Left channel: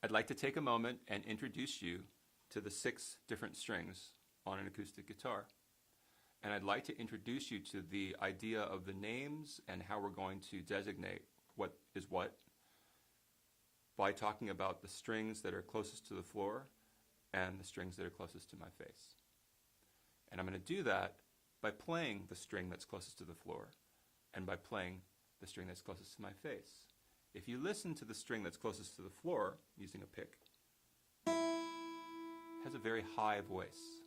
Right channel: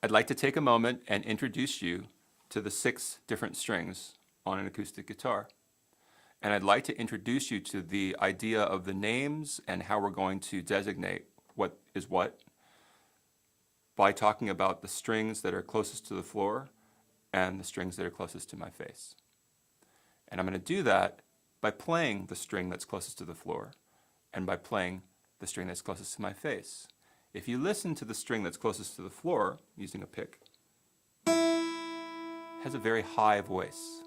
I'd like to take a moment and introduce you to the 6 different strings on an acoustic guitar. And I'd like to introduce you to the idea of the names and how we're going to designate what is what by talking about the strings that are closest to the floor and the strings that are closest to my face. And I'm going to do that by playing the string that's closest to the floor and by playing the string that's closest to my face. If you listen to the string that's closest to the floor using a pick, it has a very high voice.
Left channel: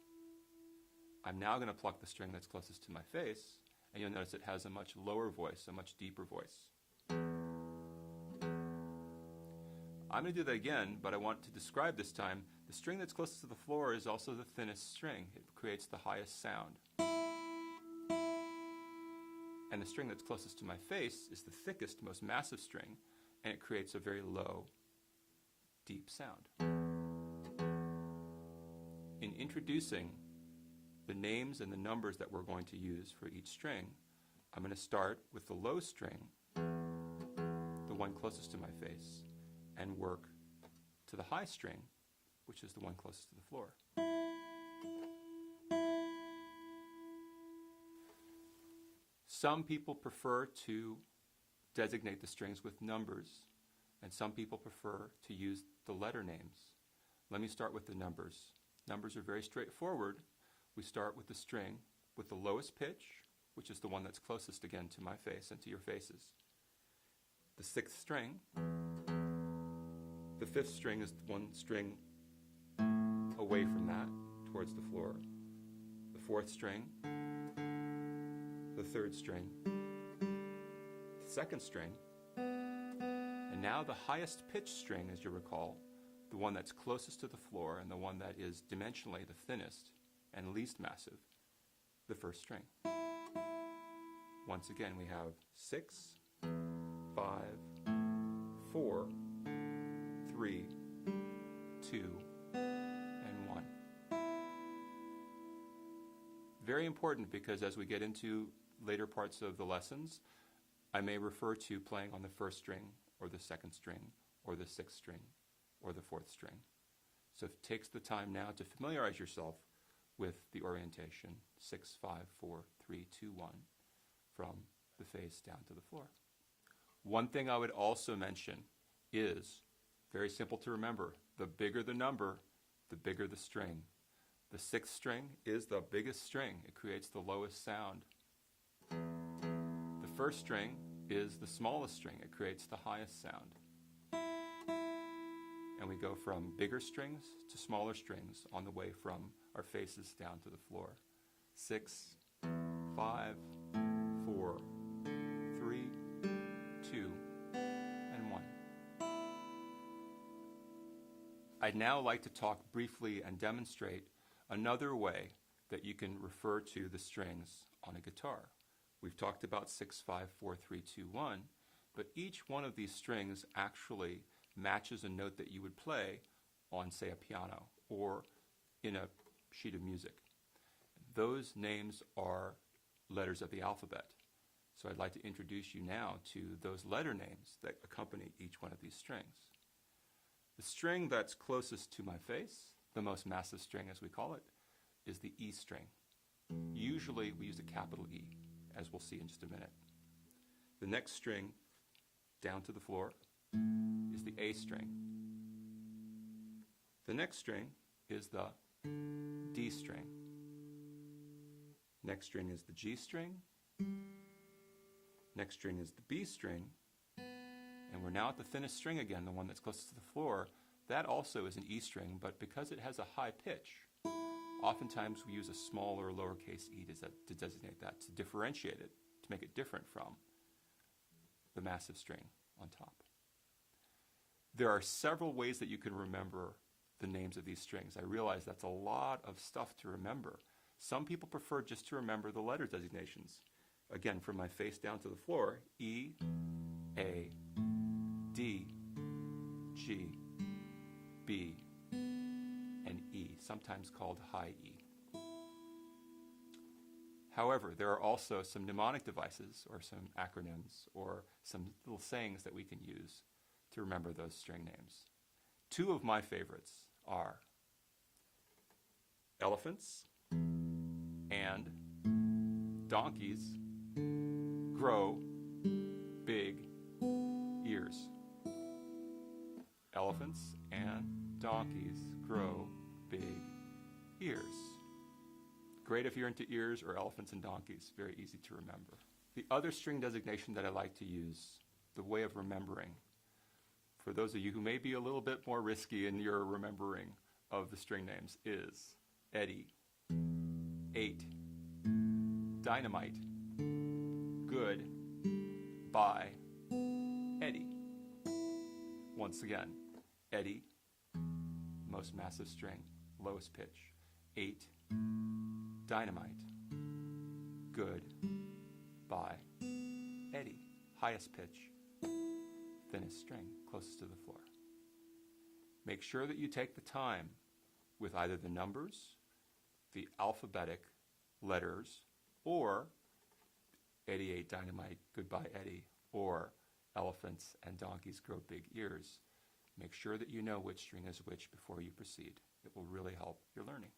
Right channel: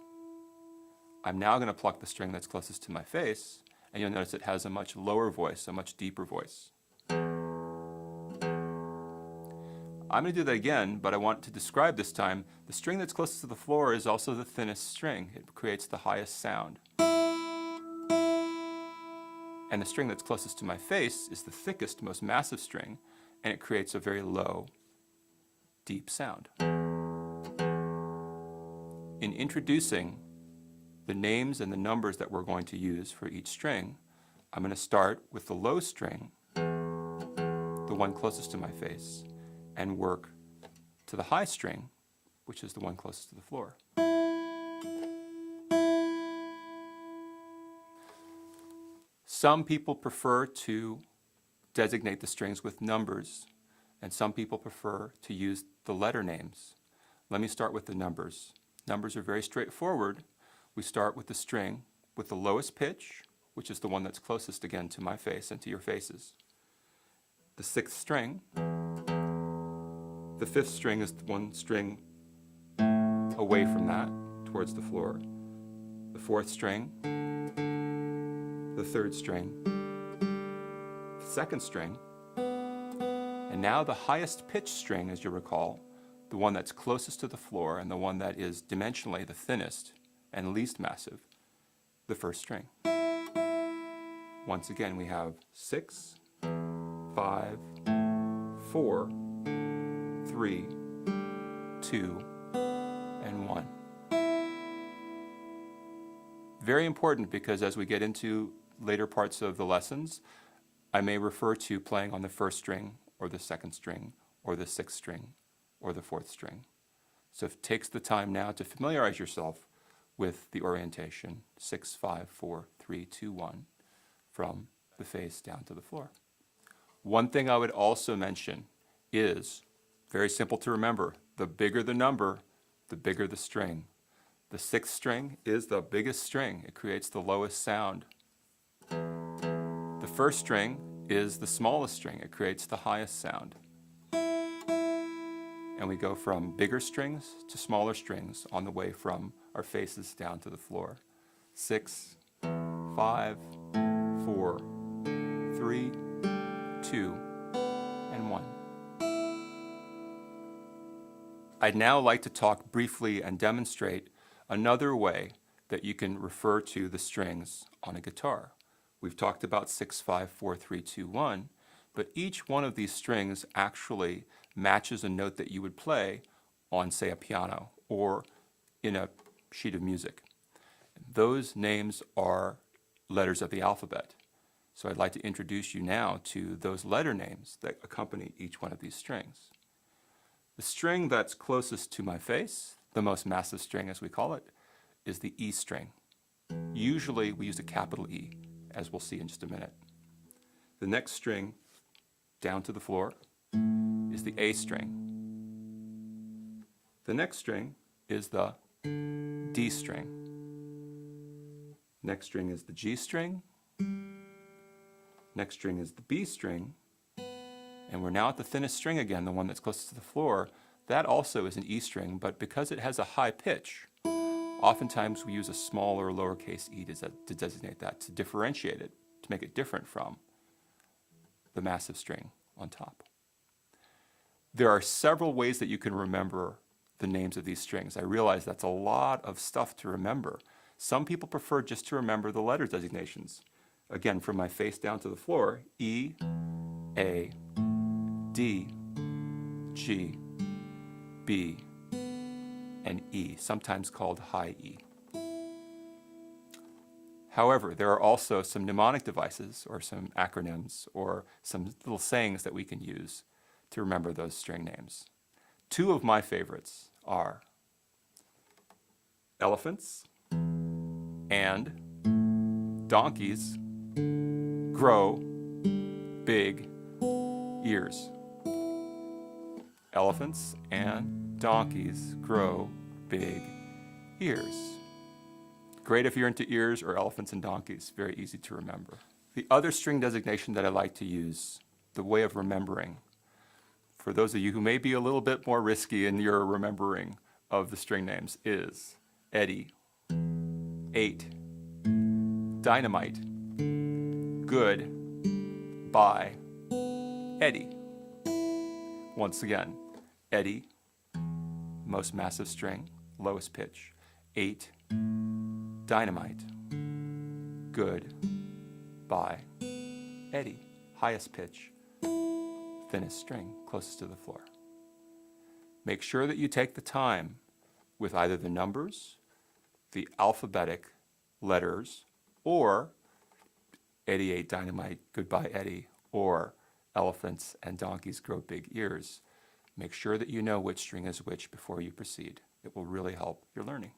I'm now going to pluck the string that's closest to my face, and you'll notice it has a much lower voice, a much deeper voice. I'm going to do that again, but I want to describe this time the string that's closest to the floor is also the thinnest string. It creates the highest sound. And the string that's closest to my face is the thickest, most massive string, and it creates a very low, deep sound. In introducing the names and the numbers that we're going to use for each string, I'm going to start with the low string, the one closest to my face, and work to the high string, which is the one closest to the floor. Some people prefer to designate the strings with numbers, and some people prefer to use the letter names. Let me start with the numbers. Numbers are very straightforward. We start with the string with the lowest pitch, which is the one that's closest again to my face and to your faces. The 6th string. The 5th string is one string away from that, towards the floor. The 4th string. The 3rd string. The 2nd string. And now the highest pitched string, as you recall, the one that's closest to the floor and the one that is dimensionally the thinnest and least massive, the 1st string. Once again, we have 6, 5, 4, 3, 2, and 1. Very important because as we get into later parts of the lessons, I may refer to playing on the 1st string or the 2nd string or the 6th string or the 4th string. So it takes the time now to familiarize yourself with the orientation 6, 5, 4, 3, 2, 1 from the face down to the floor. One thing I would also mention is, very simple to remember, the bigger the number, the bigger the string. The 6th string is the biggest string. It creates the lowest sound. The 1st string is the smallest string. It creates the highest sound. And we go from bigger strings to smaller strings on the way from our faces down to the floor. 6, 5, 4, 3, 2, and 1. I'd now like to talk briefly and demonstrate another way that you can refer to the strings on a guitar. We've talked about 6, 5, 4, 3, 2, 1, but each one of these strings actually matches a note that you would play on, say, a piano or in a sheet of music. Those names are letters of the alphabet. So I'd like to introduce you now to those letter names that accompany each one of these strings. The string that's closest to my face, the most massive string as we call it, is the E string. Usually we use a capital E, as we'll see in just a minute. The next string down to the floor is the A string. The next string is the D string. Next string is the G string. Next string is the B string. And we're now at the thinnest string again, the one that's closest to the floor. That also is an E string, but because it has a high pitch, oftentimes we use a small or lowercase e to designate that, to differentiate it, to make it different from the massive string on top. There are several ways that you can remember the names of these strings. I realize that's a lot of stuff to remember. Some people prefer just to remember the letter designations. Again, from my face down to the floor, E, A, D, G, B, and E, sometimes called high E. However, there are also some mnemonic devices or some acronyms or some little sayings that we can use to remember those string names. Two of my favorites are elephants and donkeys grow big ears. Elephants and donkeys grow big ears. Great if you're into ears or elephants and donkeys. Very easy to remember. The other string designation that I like to use, the way of remembering, for those of you who may be a little bit more risky in your remembering of the string names, is Eddie, 8, dynamite, good, bye, Eddie. Once again, Eddie, most massive string, lowest pitch, 8, dynamite, good, bye, Eddie, highest pitch, thinnest string, closest to the floor. Make sure that you take the time with either the numbers, the alphabetic letters, or Eddie, 8, dynamite, goodbye, Eddie, or elephants and donkeys grow big ears. Make sure that you know which string is which before you proceed. It will really help your learning.